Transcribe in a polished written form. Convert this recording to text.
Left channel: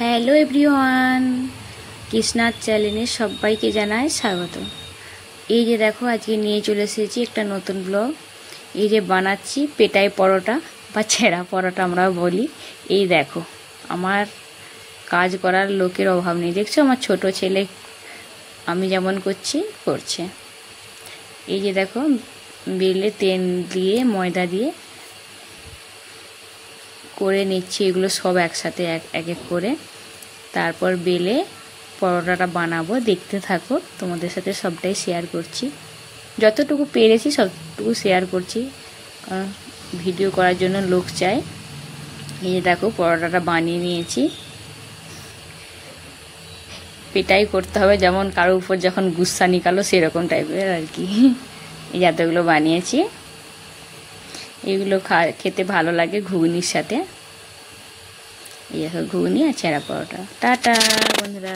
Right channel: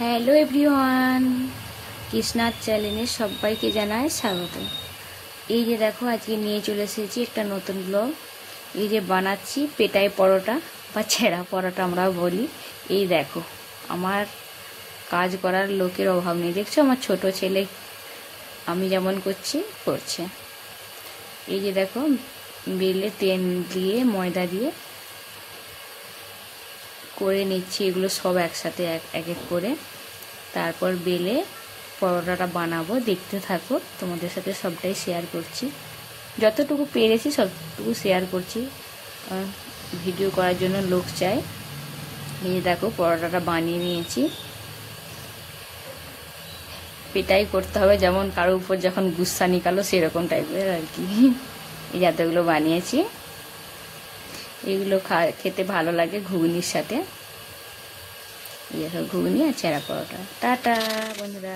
Hello everyone, কৃষ্ণার চ্যানেলে সবাইকে জানাই স্বাগত। এই যে দেখো, আজকে নিয়ে চলে এসেছি একটা নতুন ব্লগ। এই যে বানাচ্ছি পেটাই পরোটা বা ছেঁড়া পরোটা আমরা বলি। এই দেখো, আমার কাজ করার লোকের অভাব নেই। দেখছো আমার ছোট ছেলে আমি যেমন করছে। এই যে দেখো, বেলে তেল দিয়ে ময়দা দিয়ে করে নিচ্ছি এগুলো সব একসাথে এক এক করে। তারপর বেলে পরোটাটা বানাবো, দেখতে থাকো। তোমাদের সাথে সবটাই শেয়ার করছি, যতটুকু পেরেছি সবটুকু শেয়ার করছি, কারণ ভিডিও করার জন্য লোক চাই। এই দেখো, পরোটাটা বানিয়ে নিয়েছি। পেটাই করতে হবে, যেমন কারোর উপর যখন গুস্সা নিকালো সেরকম টাইপের আর কি। এই এতগুলো বানিয়েছি। এগুলো খেতে ভালো লাগে ঘুগনির সাথে। এই দেখো, ঘুগনি আর ছেঁড়া পরোটা। টাটা বন্ধুরা।